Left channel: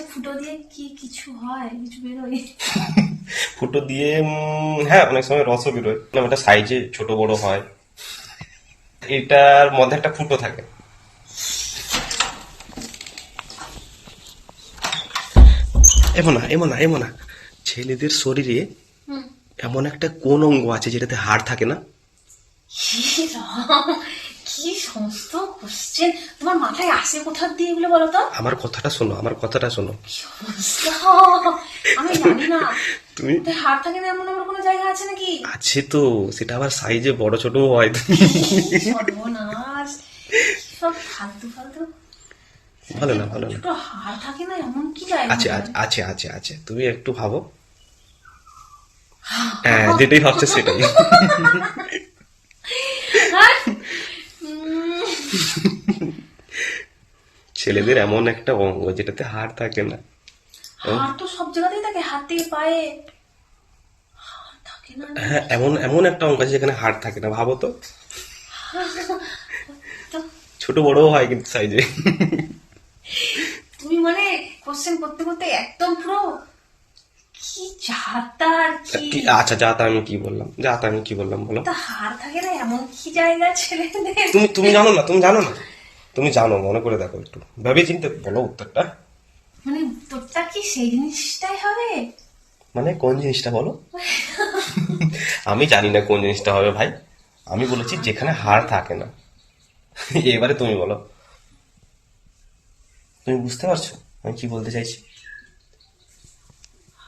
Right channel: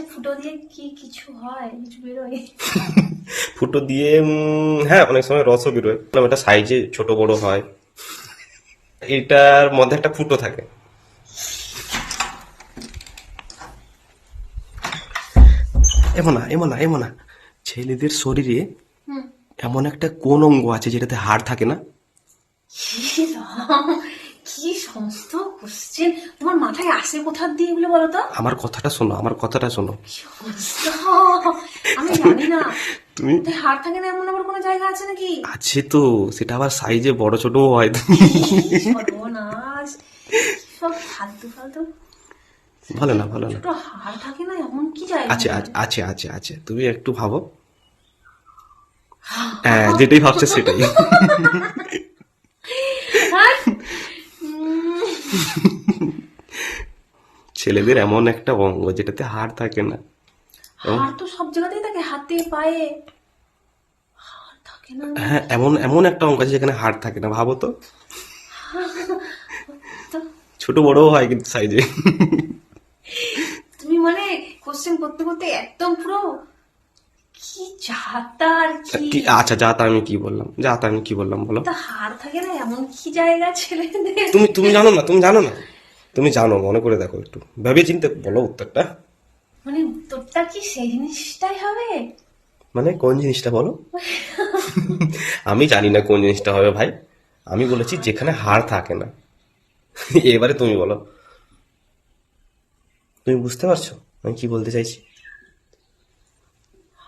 ফুটো দিয়ে কি কিছু হয়? কিছু বেরোয়? ফুটো দিয়ে উম, হ্যাঁ অনেক সময় রসও বেরোয়। এটা সাইজে ছোট বড় হয়। এটার মধ্যে একটা ফুটো থাকে। এমন না এমন না এমন। না ছেলেদের শরীরে এমন একটা কোন অঙ্গ আছে যেটাতে হাড় থাকে না? কি সমস্ত কোশ্চেন তোমার মাথায় আসে কোথার দিয়ে এগুলো বলো তো আমার কথাটা শোনো আমার কথাটা শোনো। আমি জানি না। তুমি হাড় থাকে না এমন আমার কোনো জায়গা আছে নাকি? আছে তো সেটা আবার সাইজে বড় ছোট হয়। সর্বনাশ। সব ফালতু ফালতু। ভালো না ভালো না। হাড় থাকে না এমন কি জায়গা আছে আছে, আছে আছে আছে। তুমি একটু ভাবো। হ্যাঁ যেটাই ভাবছ সেটাই আর, উম, ছেলেদের এমন একটা অঙ্গ যেটাতে হাড় থাকে না। হাড় তো সব জায়গাতেই থাকে হাতে পায়ে। হ্যাঁ এমন এমন একটা অঙ্গ আছে যেখানে হাড় থাকে না ভাবো তো। ছোট বড়ও হয় কিন্তু সাইজে তুমি মানে কোশ্চেন করতে করতে একদম পুরো আর কি আচ্ছা যা তা আমি কি বললাম? যা তা আমি কি বললাম বলো। তা হাড় থাকে না এমন কি জায়গা ছেলেদের তুমি তুমি জানো না তুমি জানো না? তুমি জানো মনে করে দেখো একটু। ভেবে চিন্তে বলো উত্তরটা। মানে তোরটা কি সেই জিনিসটাই হবে? মানে কোন জিনিসটা বলো? আমি জানি না কোন জিনিসটা হবে ভাই। আমি বলেছি যেখানে হার থাকে না। এবারে তুমি বলো। তুমি বুঝতে পারছ আমি কি বলতে চাইছি?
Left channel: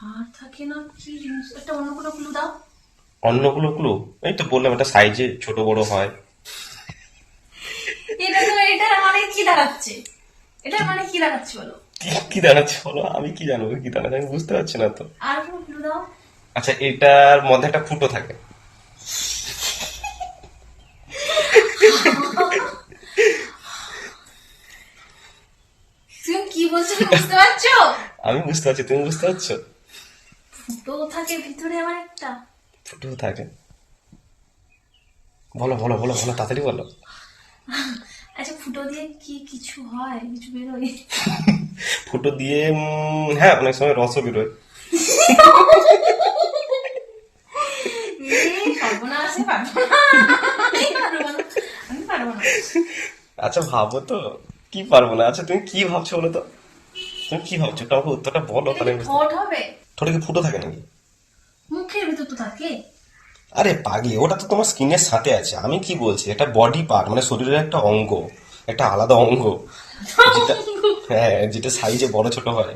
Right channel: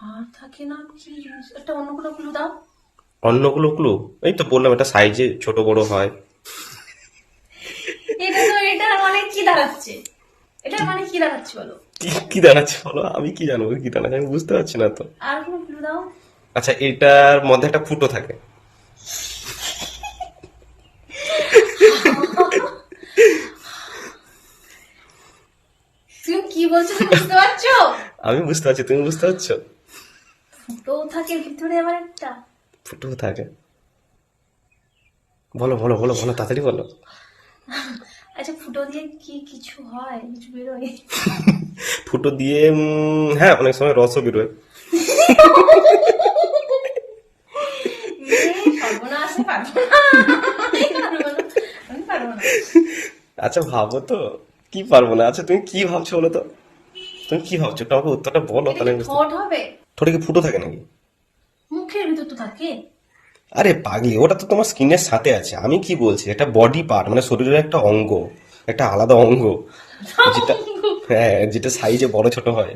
হাড় থাকে না কি জিনিস? একটা অন্য কোনো ক্লু দাও। অন্যগুলো ক্লু এই তো বললাম এটা সাইজে ছোট বড় হয়। এটা তো এটার মানে কি দাঁড়াচ্ছে? এটার মানে কি দাঁড়াচ্ছে বলো? কি- কি দাঁড়াচ্ছে বলো? আমি কি জানব? কি দাঁড়াচ্ছে? আমি বুঝতে পারছি না তো। আর কোনো ক্লু দাও। আচ্ছা এটার মধ্যে একটা ফুটো থাকে। তুমি কি বলছো? তুমি বুঝতে পারছ? আমি বুঝতে পারছি তুমি বুঝতে পারছ? ফুটো থাকে ভিতরে আবার একটা। ফুটো থাকে। বলো বলো বলো বলো তাড়াতাড়ি বলো। আচ্ছা ফুটো দিয়ে কি কিছু হয়? কিছু বেরোয়? ফুটো দিয়ে হ্যাঁ অনেক সময় রসও বেরোয়। আচ্ছা ভাবো তো। কি পারব না? আচ্ছা তুমি কি ভাবছ বলো তো? তুমি কি ভাবছ? একটু আমাকে উত্তরটা বলো তাহলে ঠোঁট হবে? ঠোঁটে কি ফুটো থাকে নাকি? মুখের ভিতর তো থাকে। আরে পাগলি ওটা তো তোমার স্কিনের সাথে আছে। আমি কি বলছি? এটা বডি পার্ট মানে শরীরের একটা অঙ্গ একটা আলাদা অঙ্গ। যেটা হ্যাঁ যেটা সাইজে বড় ছোট হয়।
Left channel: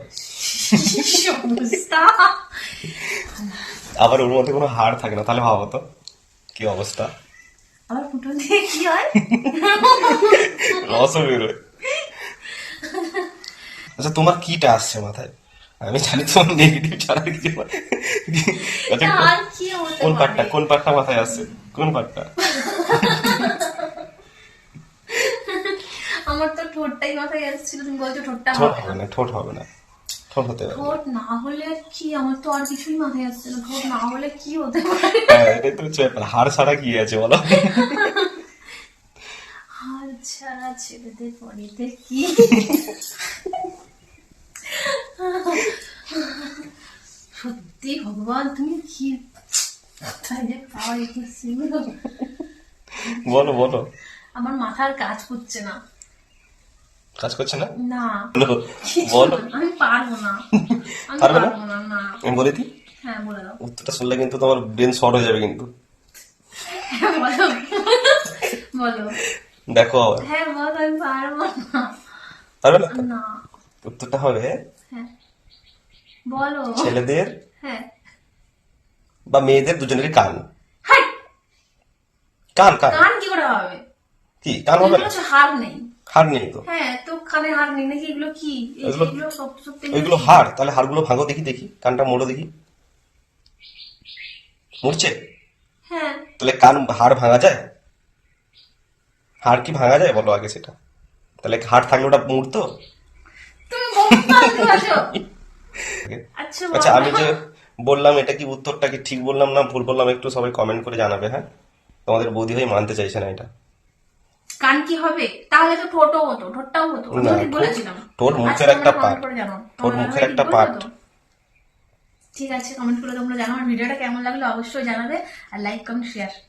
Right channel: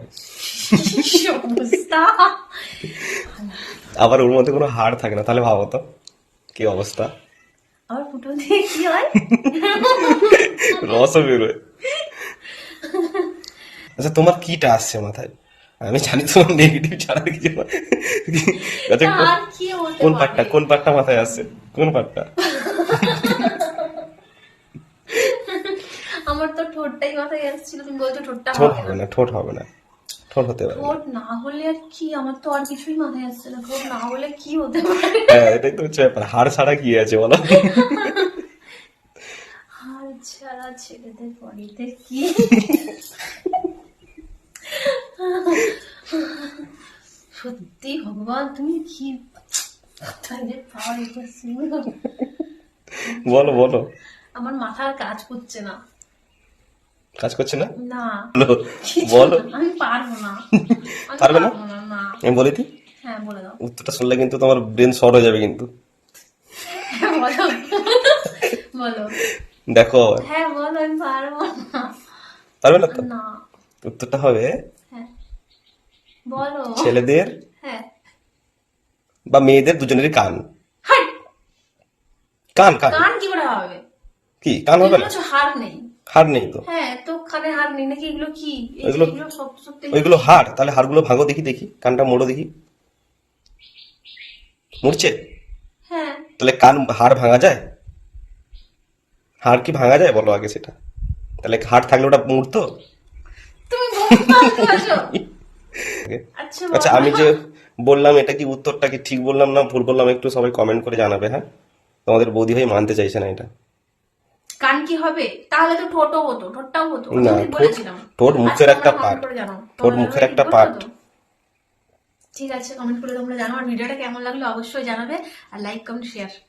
আবার ওর মধ্যে কোনো হাড় থাকে না তাহলে ভাবো তো কি অবস্থা? আবার ফুটো দিয়ে কি হয়? রসও বেরোয়। আচ্ছা তোমার কিটা আসছে মাথায়? আমি জানি তোমার নেগেটিভ ছাড়া কিছু আচ্ছা কোন পারে? পার্টটা কোন পার্টটা মাথায় আসছে? কোন পার্টটা আমার তো ঠোঁটটাই মাথায় আসছিল তুমি বলছো ঠোঁটটা ঠোঁট হবে না ঠোঁট হবে না। ঠোঁট হতে পারে। ঠোঁট না হলে কি আমার তো আর কিছুই মাথায় আসছে না। ঠোঁট না হলে কি হতে পারে? হ্যাঁ এটাই তো হচ্ছে ব্যাপার। হাড় ছাড়া কি আছে বলো? ছাড়া ছেলেদের কি? সত্যি ভগবান তুমি কি রেখেছিল বলো বলো। আমার মাথার কাজ করছে না। কাজ করছে না? না। বলো আমি পারব না। পারবে না? আমি বলে দিই হ্যাঁ বলে দাও। উত্তরটা শুনলে কিন্তু তোমার ব্রেন শর্ট হয়ে যাবে কিন্তু। হ্যাঁ, বলো। দেখো। হ্যাঁ বলো আমি পারব না। পারবে না। উত্তরটা হবে বলো। ছেলেদের হ্যাঁ। বা মেয়েদের দুজনেরই কান। কান কান। কান কি করে হবে? কি? কান হবে না? হাড় নেই। হাড় নেই তো? হ্যাঁ তো কানে হাড় নেই। নাকি এগুলো কি? এগুলো- ওইগুলো হাড় তাহলে হাড়গুলো ভাঙো দেখি দেখি। কানটা মোড়ো দেখি। মুড়ছে? হ্যাঁ। তাহলে কান হাড় ভাঙা যায়? হাড় কি ভাঙা যায়? বলো আগে সেটা। তাহলে হাড় থাকলে ওটা মুড়তো তুমি। আচ্ছা আচ্ছা আমি যে বললাম এটা কি উত্তরটা কি ঠিক বললাম না? ভুল বললাম একটু সবাই কমেন্ট করে জানাবে হ্যাঁ? তোমাদের বৌদি ভাই মানতে চাইছে না এটা। কান কি হবে? তাহলে তো ঠোঁটও হতো ঠোঁটটাও হতো। না, ঠোঁট- ঠোঁট মুখের আচ্ছা, একটা জানাও। ঠোঁট মুখের একটা। তো? ঠিক আছে কমেন্ট করে তোমরা জানাও আর ভিডিওটা কেমন লাগল অবশ্যই জানাবে। আর লাইক কমেন্ট শেয়ার